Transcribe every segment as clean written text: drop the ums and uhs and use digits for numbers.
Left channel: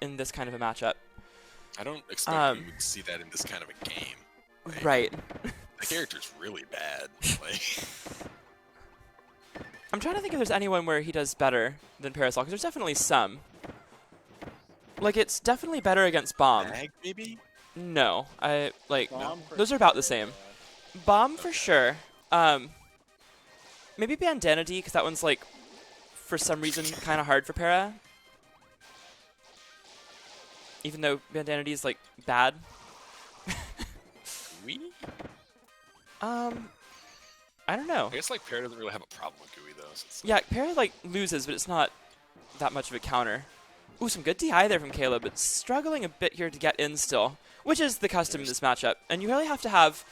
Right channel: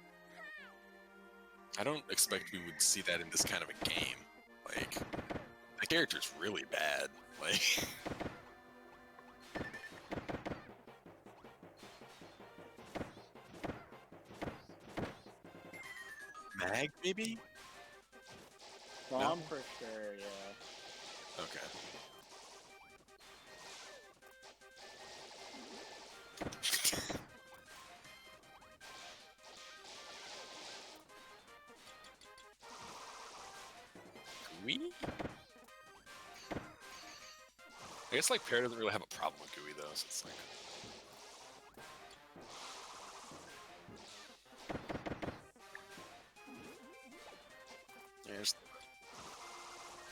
in this kind of a matchup. I don't expect we would see that in this kind of a game. Like, Right. The character's really bad. Like, I'm trying to think if there's anyone where he does better than Parasol, because there's definitely some. Like, it's definitely better against Bomb. Mag, maybe? No, Bomb for those are about the sure, same. yeah. Bomb for Okay. sure. Maybe Bandana D, because that one's, like, for some reason, kind of hard for Para. Even though Bandana D is, like, bad. Gooey? I don't know. I guess like Pear doesn't really have a problem with Gooey though. So it's Yeah, Para, like, loses, but it's not that much of a counter. Ooh, some good DI there from Kaleb, but struggling a bit here to get in still, which is the custom in this matchup. And you really have to have...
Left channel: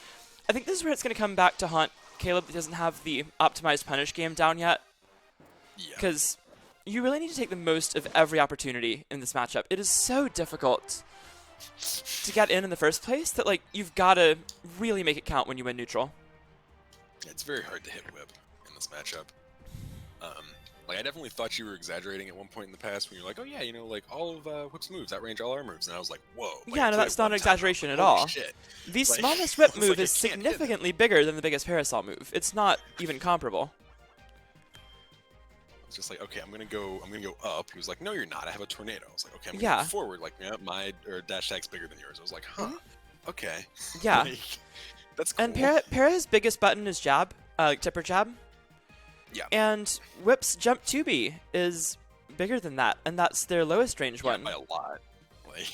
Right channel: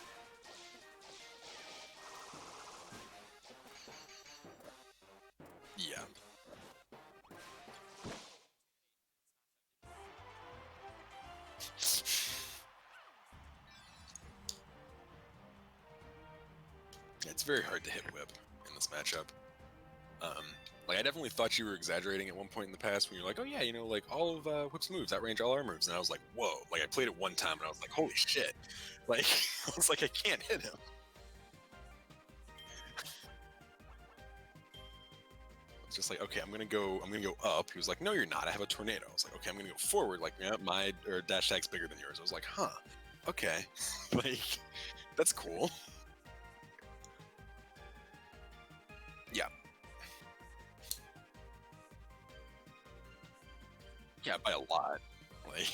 I think this is where it's going to come back to haunt Kaleb that doesn't have the optimized punish game down yet. Yeah. Because you really need to take the most of every opportunity in this matchup. It is so difficult to get in the first place that, like, you've got to really make it count when you win neutral. Yeah, it's very hard to hit Whip in this matchup. Like, I definitely thought you were exaggerating at one point in the past when you're like, oh yeah, you know, like, all of Whip's moves outrange all our moves. And I was like, whoa. Like, Yeah, I no, played that's it not one an time, and I was exaggeration like, at holy all. shit. The Like, smallest Whip I was move like, I is can't hit him. significantly bigger than the biggest Parasol move. It's not even comparable. It's just like, okay, I'm gonna go up. He was like, no, you're not. I have a tornado. I was like, okay, I'm gonna Yeah. go forward. Like, yeah, my dash tag's bigger than yours. I was like, huh, okay. Yeah. Like, that's cool. And Para's biggest button is jab, tipper jab. Yeah. And Whip's jump 2B is bigger than that, and that's their lowest range Yeah, one. by a lot. Like,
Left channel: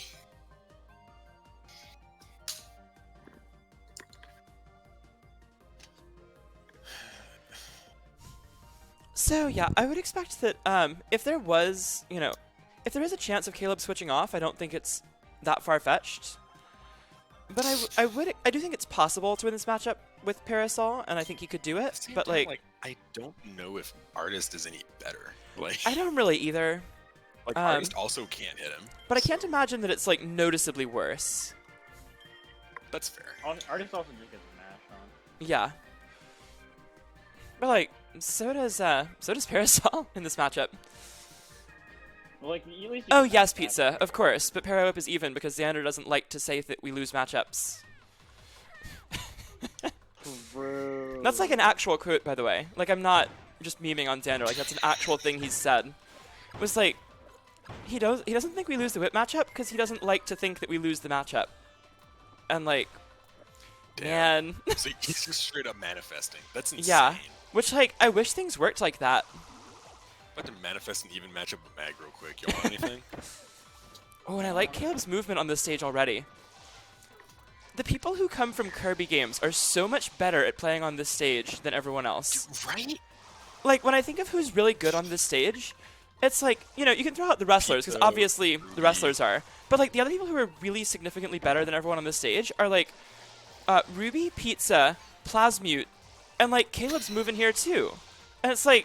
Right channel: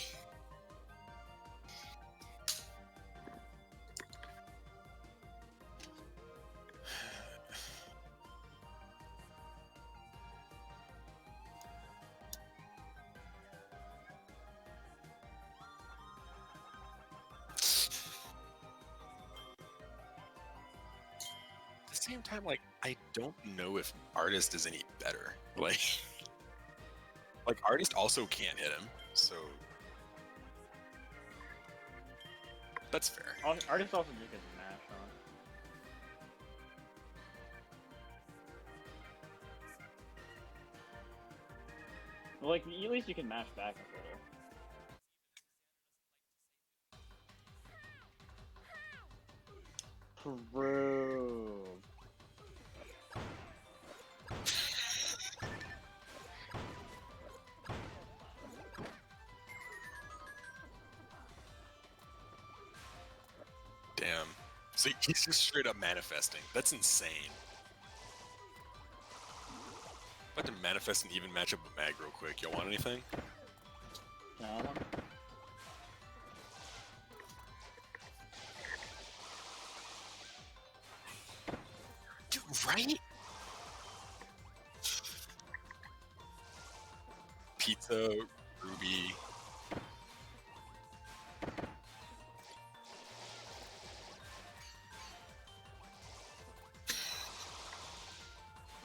So yeah, I would expect that if there was, you know, if there is a chance of Kaleb switching off, I don't think it's that far-fetched. But I do think it's possible to win this matchup with Parasol, and I think he could do at it. the same But time, like, I don't know if Artist is any better. Like, I don't really either. Artist also can't hit him. But I can't so imagine that it's like noticeably worse. That's fair. Artist also just gets mashed on. Yeah. But like, so does Parasol in this matchup. Well, like, at least you Oh can yes, match Pizza, back. of course. But Para-Whip is even because Xander doesn't like to say that we lose matchups. True. That's like an actual quote, by the way. Like, I'm not just memeing on Xander. Like, that's an actual thing he's said. It was like, he doesn't think we lose the whip matchup because he doesn't like to think that we lose the matchup. And like, Damn. man, So he's just straight up manifesting. That's insane. yeah. Which like, I wish things worked like that. About to manifest an even matchup with Mag real quick. You want anything? Oh, and I like Kaleb's movement on this stage already. The people who come from Kirby games are so much better at playing on this stage than everyone else. Right? Like, when I think of who's really good on this stage, it's like, you know, you can throw out the wrestlers, because Pizza, obviously the Ruby. wrestlers are. But, like, the other people who are really significantly better than everyone on this stage are, like, Ruby, Pizza, Plasmute, and, like, Kaleb's moving here, too. And it's like,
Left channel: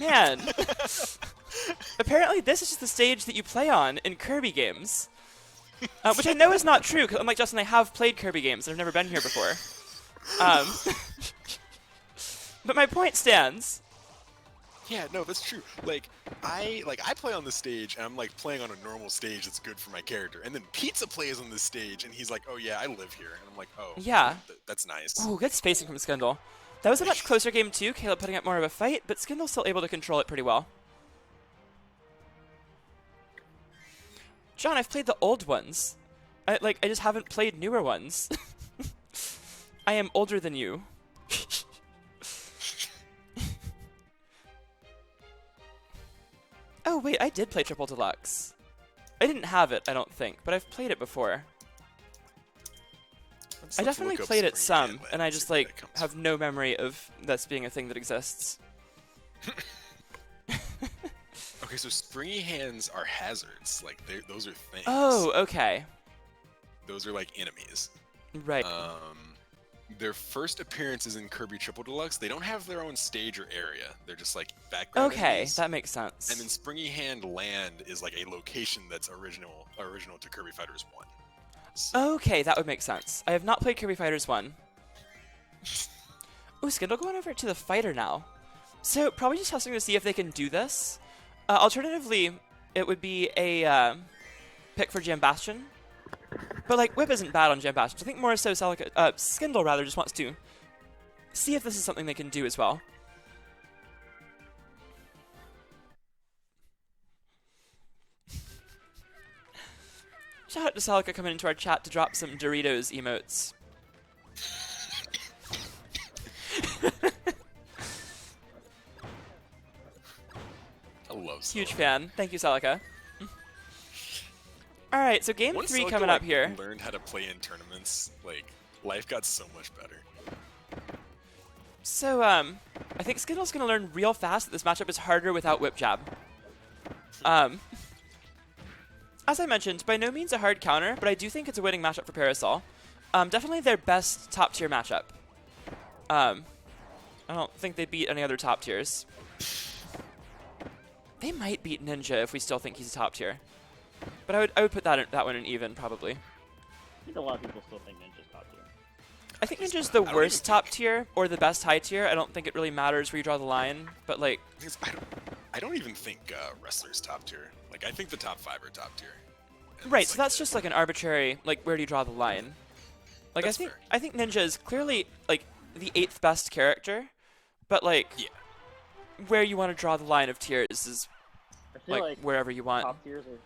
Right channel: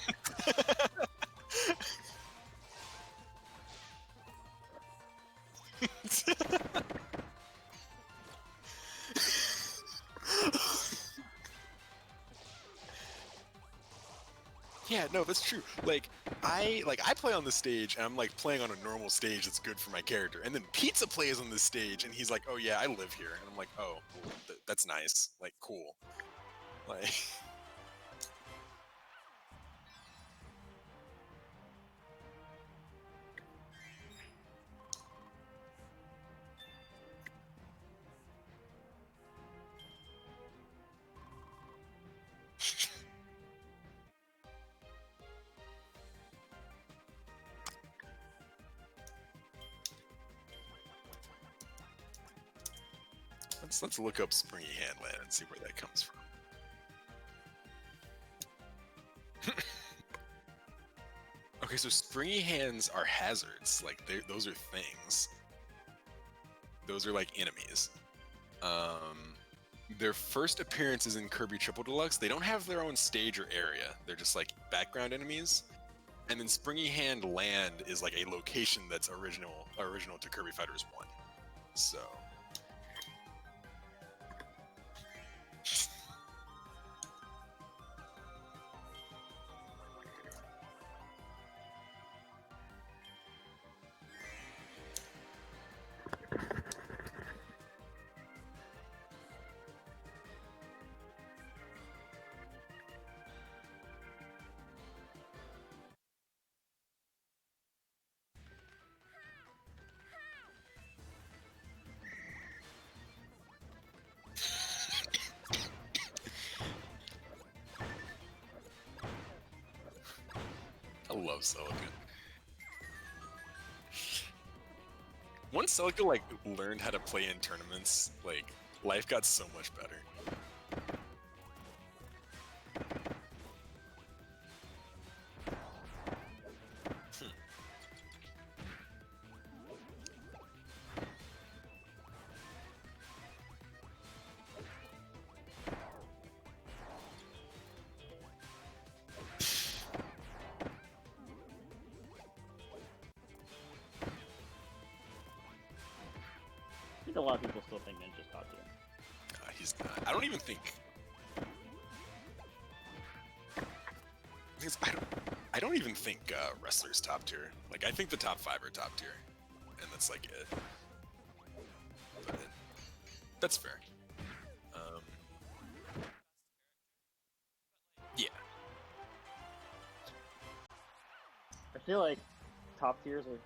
man. Apparently this is just the stage that you play on in Kirby games. Which I know is not true, because unlike Justin, I have played Kirby games, and I've never been here before. But my point stands. Yeah, no, that's true. Like I play on the stage and I'm like playing on a normal stage that's good for my character. And then Pizza plays on this stage and he's like, "Oh yeah, I live here." And I'm like, "Oh, Yeah. That's nice." Ooh, good spacing from Skindle. That was a much closer game too, Kaleb putting up more of a fight, but Skindle's still able to control it pretty well. John, I've played the old ones. I just haven't played newer ones. I am older than you. Oh wait, I did play Triple Deluxe. I didn't have it, I don't think, but I've played it before. Let's I definitely look up played it Springy some, Hand Land and I see just where like that comes have from. no memory of this being a thing that exists. Okay, so springy hands are hazards. Like those are things. Oh, okay. Those are like enemies. Right. Their first appearance is in Kirby Triple Deluxe. They don't have their own stage or area. They're just like background Okay, enemies. that makes sense. And then Springy Hand Land is like a location that's original to Kirby Fighters 1. So, Okay, that would make sense. I have not played Kirby Fighters 1. Ooh, Skindle going over to the fighter now. So, probably just testing to see if they can do this. Alternatively, it would be a pick for Jam Bastion. But like Whip isn't bad on Jam Bastion. I think more so Skindle rather just wants to see if this is something they can do as well. Shout out to Celica coming into our chat to drop some Doritos emotes. I love Celica. Huge fan. Thank you, Celica. Alright, so game Once 3 Celica, coming like, up here. learned how to play in tournaments, like, life got so much better. So, I think Skindle's going to learn real fast that this matchup is harder without Whip Jab. As I mentioned, by no means a hard counter, but I do think it's a winning matchup for Parasol. Definitely their best top-tier matchup. I don't think they beat any other top tiers. They might beat Ninja if we still think he's a top tier. But I would put that one in even, probably. I think a lot of people still think Ninja's top tier. I think He's Ninja's not. the I don't worst even top think- tier or the best high tier. I don't think it really matters where you draw the line, but like, Because I don't even think wrestlers top tier. Like, I think the top 5 are top tier. And right, that's, so like, that's it. just like an arbitrary, like, where do you draw the line? Like, That's fair. I think Ninja is clearly, like, the 8th best character, but like, Yeah. where you want to draw the line of tiers is I feel like wherever you want. top tiers are